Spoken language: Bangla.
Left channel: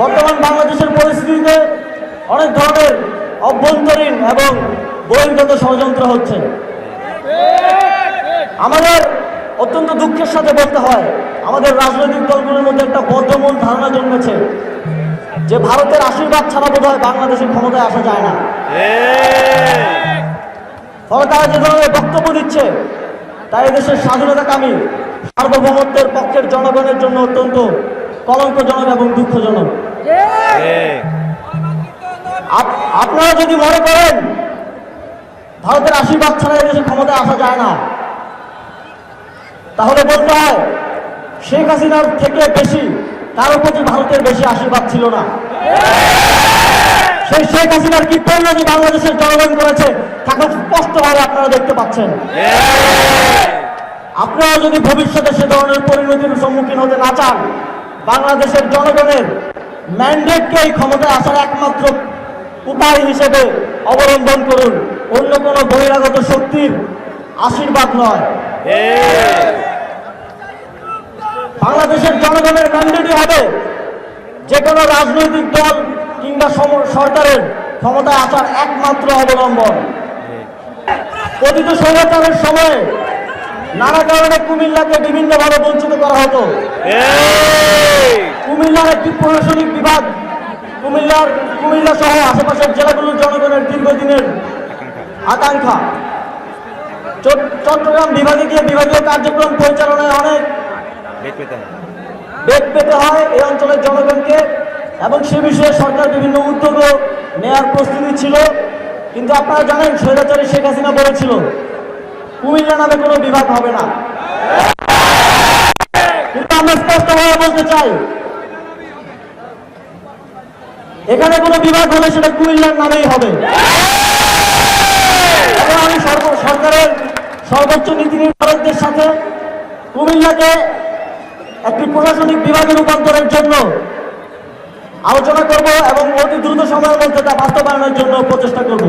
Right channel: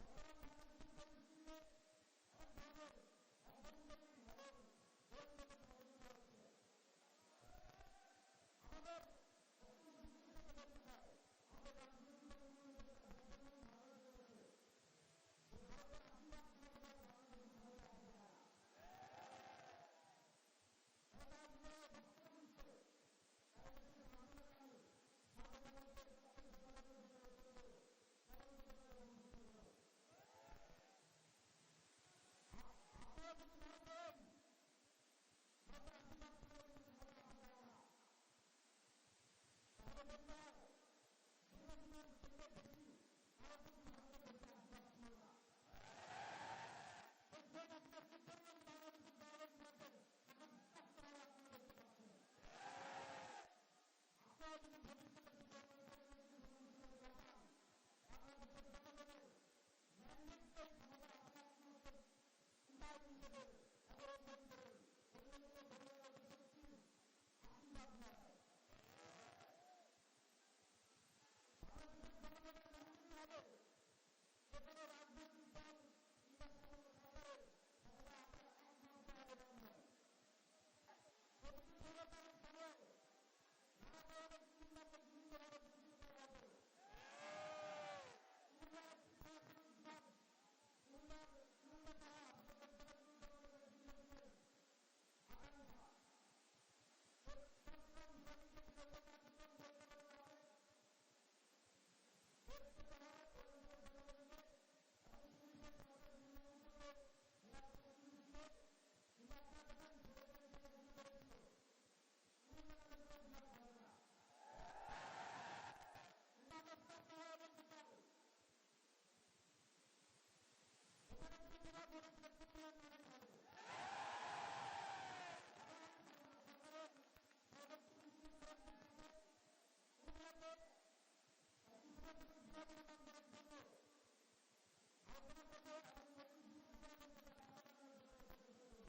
বর্তমান বাংলাদেশের পরিস্থিতিতে অনেক ধরনের অভ্যন্তরীণ এবং বহির্গত ষড়যন্ত্র হচ্ছে আমাদের অত্যন্ত দুঃখের সাথে বলতে হয় আমাদের রাজনৈতিক দলগুলোর মধ্যে একটা বদ্ধমূল ধারণা জন্মেছে যে ভারতের আশীর্বাদ ছাড়া বোধ হয় বাংলাদেশের ক্ষমতায় আসা যায় না ফলে তারা যে ধরনের বক্তব্য দিচ্ছে তাই এদেশের স্বাধীনতাকামী সার্বভৌমত্বের পক্ষের জনগণের জন্য অত্যন্ত কলঙ্কজনক এবং দুঃখজনক আপনারা যদি মনে করেন ভারতের আশীর্বাদ ছাড়া এদেশে ক্ষমতায় আসা যায় না তাহলে বলতে হয় শেখ হাসিনার থেকে বেশি কারো প্রতি ভারতের বেশি আশীর্বাদ ছিল না সেই শেখ হাসিনার কি যে বাংলাদেশের জনগণ করেছে তাকে স্পষ্টভাবে আপনারা দেখতে পাচ্ছেন আপনারা যদি ভবিষ্যতে সে ধরনের পরিণতির সম্মুখীন হতে না চান বাংলাদেশের জনগণের ম্যান্ডেটকে ক্ষমতা ক্ষমতায় আসার একমাত্র উপায় হিসেবে অবলম্বন করুন অন্য কোন বহিরাগত শক্তির আশীর্বাদ নয় বাংলাদেশের জনগণের ম্যান্ডেটই হবে যে কোনো রাজনৈতিক দল কিংবা সরকারের ক্ষমতায় আসার একমাত্র অবলম্বন কথিত স্বৈরাচারের সময়ে নানা কারণে কুমিল্লাকে বিভিন্নভাবে বঞ্চিত করা হতো কুমিল্লার একটি প্রশাসনিক বিভাগ কুমিল্লার কুমিল্লা সহ আশেপাশের জেলাগুলোর জনগণের দীর্ঘদিনের আকাঙ্ক্ষা চট্টগ্রাম বিভাগে গিয়ে বিভাগীয় কার্যক্রম পরিচালনায় অনেক বেগ পেতে হয় এই অঞ্চলের জনগণকে এবং সে বিষয়ে সরকার বিভিন্ন উদ্যোগ নেয়ার প্রস্তুতি ছিল কিন্তু আপনারা জানেন স্বৈরাচারী শেখ হাসিনা বলেছিল কুমিল্লা নামে কোনো বিভাগ হবে না কিন্তু আমরা স্পষ্টভাবে বলতে চাই এখানে কোনো বিভাগ হলে সেটা কুমিল্লার নামেই হবে আমি সরকারের সর্বোচ্চ নীতি নির্ধারকদের সাথে কুমিল্লাকে একটি প্রশাসনিক বিভাগে রূপান্তরের জন্য আলোচনা করব এবং অতি দ্রুত সময়ের মধ্যে তা বাস্তবায়নের জন্য প্রচেষ্টা করব